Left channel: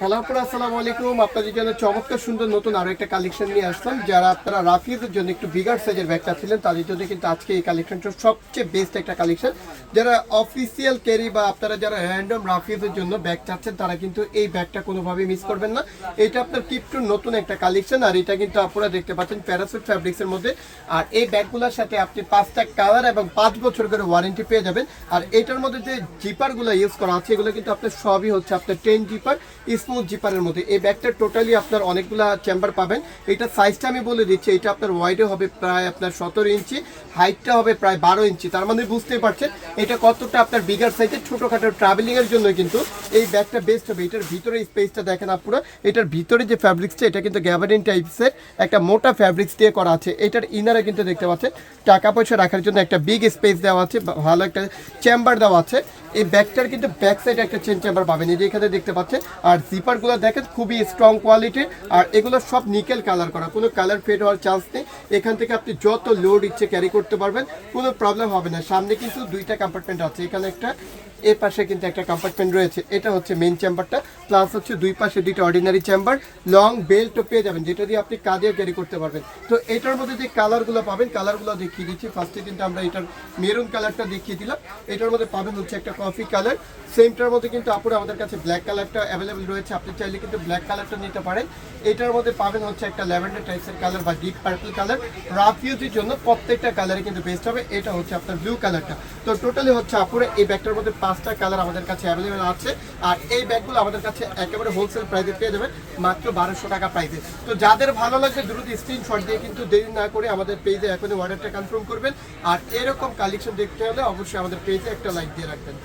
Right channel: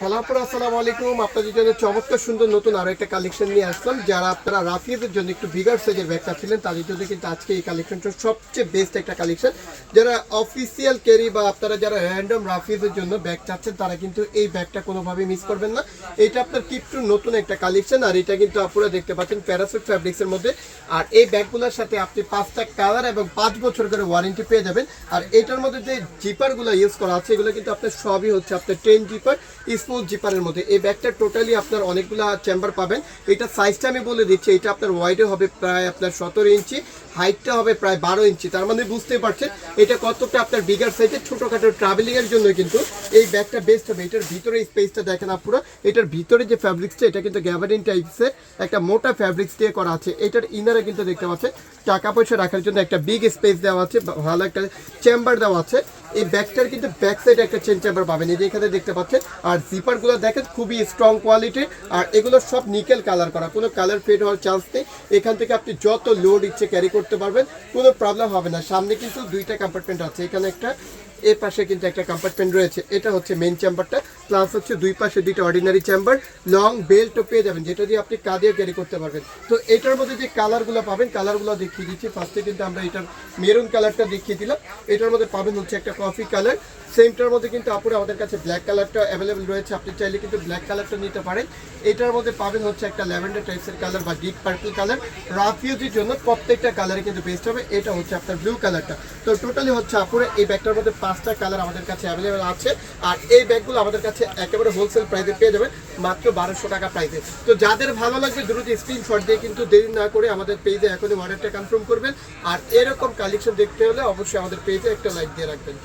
Hello আপুর আসসালামু আলাইকুম আপনাদের জন্য চমৎকার সুন্দর নতুন আরও একটা কালেকশন নিয়ে আসলাম, যারা আপনারা রাফিজের জন্য একটু বিগার সাইজের ব্যাগ চাচ্ছিলেন তাদের জন্য কিন্তু আজকে এই কালেকশনটা সবচেয়ে বেস্ট একটা কালেকশন যারা অফিসিয়াল ক্যারি বা আপনারা যারা র্যান্ডম রাফিজের জন্য ব্যাগ চাচ্ছেন, তারা কিন্তু এই ব্যাগটা কোনোভাবেই মিস করবেন না। এটা আপনার কিপটুর নতুন একটা কালেকশন আর এটা কিন্তু আপনারা দেখতে পাচ্ছেন প্যারাসুট ফ্যাব্রিক্সের মধ্যে। আর এই ব্যাগগুলোর সাথে আপনি পাঁচটা কালার এবং পাঁচ বছর করে ওয়ারেন্টি পেয়ে যাবেন। আর এটার মধ্যে যে জিপারগুলো ইউজ করা আছে, এগুলো কিন্তু আপনার সবই হচ্ছে আপনার টেন জিপার স্মুথ জিপারের মধ্যে। এই ব্যাগটা টোটালি আপনার অনেকগুলো চেম্বার পাবেন। এটা সাইজটা আমি বলে দিচ্ছি, এটা আপনার ওয়াইডে হবে প্রায় আপনার সতেরো ইঞ্চি হাইটটা হবে প্রায় বারো ইঞ্চি। তার মানে বুঝতেই পারছেন, এটা কতটা আপনার বিগার সাইজের ছোটোখাটো ট্রাভেলিং এর জন্য কিন্তু এই ব্যাগটা বেস্ট হবে। এটার ভিতরে স্পেসটা দেখেন আপনারা এটার ভিতরে যে ফ্যাব্রিক্সটা এটা কিন্তু গ্যাবারিন টাইপসের একটা মোটা ফ্যাব্রিক্স দিয়ে করা আছে। এটার ইনারে কিন্তু দেখতে পাচ্ছেন, টাকা পয়সা রাখার জন্য একটা বিগ স্পেস দেওয়া আছে ভালো একটা চেম্বার দেওয়া আছে। এই ব্যাগটার কিন্তু ব্যাক সাইডে একটা চেন চেম্বার পাবেন। এই যে এখানে দেখতে পাচ্ছেন, আর জিপারগুলো দেখেন, খুবই স্ট্রং কোয়ালিটি আর এগুলো সব নিকেল কালার করা, কোনো কালার ফেড হওয়ার চান্স নেই। এখান থেকে আপনি যত লোড ইচ্ছে ক্যারি করতে পারবেন, কোনো প্রবলেম হবে না। সামনে কিন্তু দুইটা কম্পার্টমেন্ট আছে। এখানে একটা, এর পাশে কিন্তু একটা কম্পার্টমেন্ট রয়েছে। এটা হচ্ছে মেন চেম্বারটা প্লাস হচ্ছে দুই পাশে দুইটা অর্ডিনারি চেম্বার লং বেল্টও পেয়ে যাবেন, যেটা দিয়ে আপনি কাজেও ক্যারি করতে পারবেন। তো এটার মধ্যে যে কালারগুলো পাবেন কালারগুলো দেখিয়ে দিচ্ছি। ফার্স্টে কিন্তু আমরা এটার মেরুন কালারটা দেখিয়ে দিলাম। এটার মধ্যে পাবেন হচ্ছে একটা কফি কালার সেমটার মধ্যে কিন্তু আপুরা আমাদের কাছে ব্ল্যাক কালারটা অ্যাভেলেবেল রয়েছে। আপনি চাইলে কিন্তু ব্ল্যাক কালারটা নিতে পারেন। এটার মধ্যে পাবেন হচ্ছে একটা ল্যাভেন্ডার টাইপসের কালার বা ডিপ পার্পল কালার রাফ ইউজের জন্য প্রত্যেকটা কালারে কিন্তু বেস্ট হবে। এটা হচ্ছে আপনার ব্লু কালারটা তো টোটালি হচ্ছে আপুরা এই ব্যাগটার মধ্যে পাঁচটা কালার আমাদের কাছে অ্যাভেলেবেল আছে। আর এই ব্যাগগুলো আমাদের কাছে একেবারে হোলসেল প্রাইসে পেয়ে যাবেন, মাত্র বারোশো টাকা প্রাইসে তো যাদের ভালো লাগবে, দ্রুত স্ক্রিনশট দিয়ে কিন্তু দেরি না করে আমাদের পেজে এখনই অর্ডারটা কনফার্ম করবেন। আর এরকম কালেকশন দেখতে হলে অবশ্যই আমাদের পেজে একটা লাইক দিয়ে রাখবেন।